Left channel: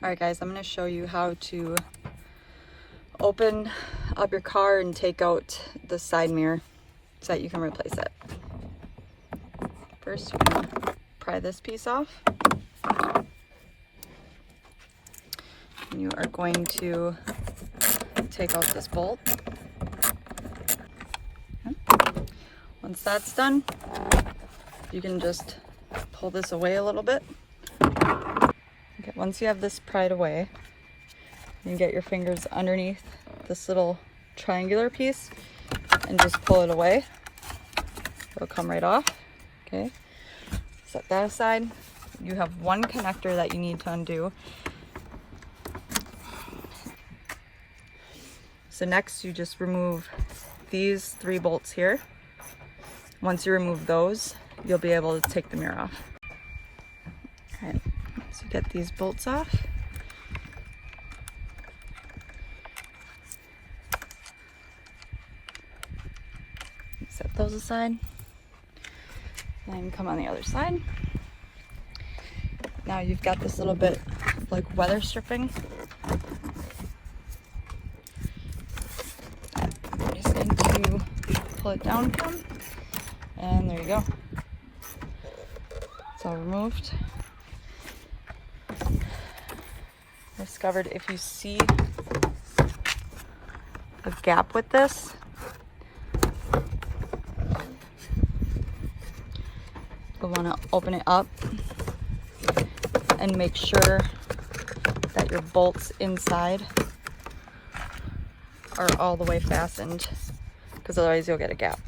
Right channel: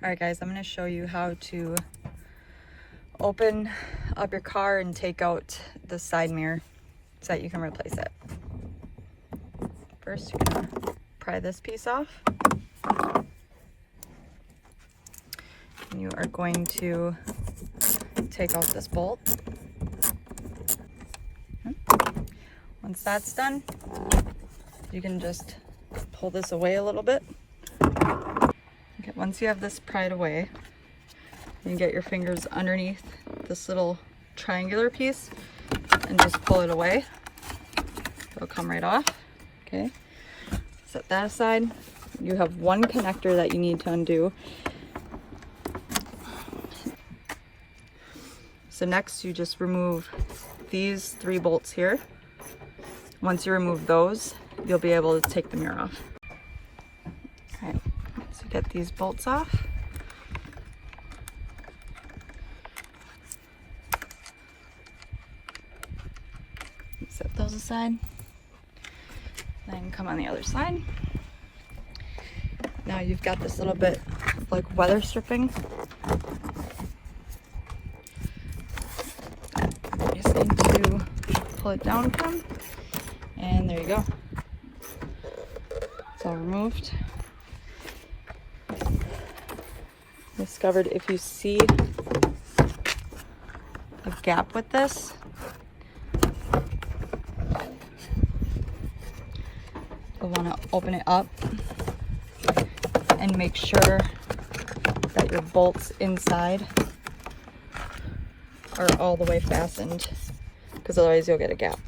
All right guys, I'm going to show you how to open up your car and take out the side mirror so that you can replace it. First, you're going to pry this piece off. And you are going to take out this bolt. Okay. Once that's done, you can just pull this away a little bit. Okay, once you have this pried away, you get your fingers underneath this little triangular piece and just pull it away. It'll come right off. Okay, set that aside. You have one connector that you need to undo. So next you just remove these 3 bolts here. Once you remove those, you'll be able to take the mirror off. All right, so get these bolts off. Set those aside. Then come on the other side. Now you've got this little bit of like weather stripping. I'm just going to pull it down, and there you go. It's all removed. Discovered if you see a gap with this, you'll want to open it up and make sure that your bolts inside are all the way fastened, because otherwise you'll get a gap.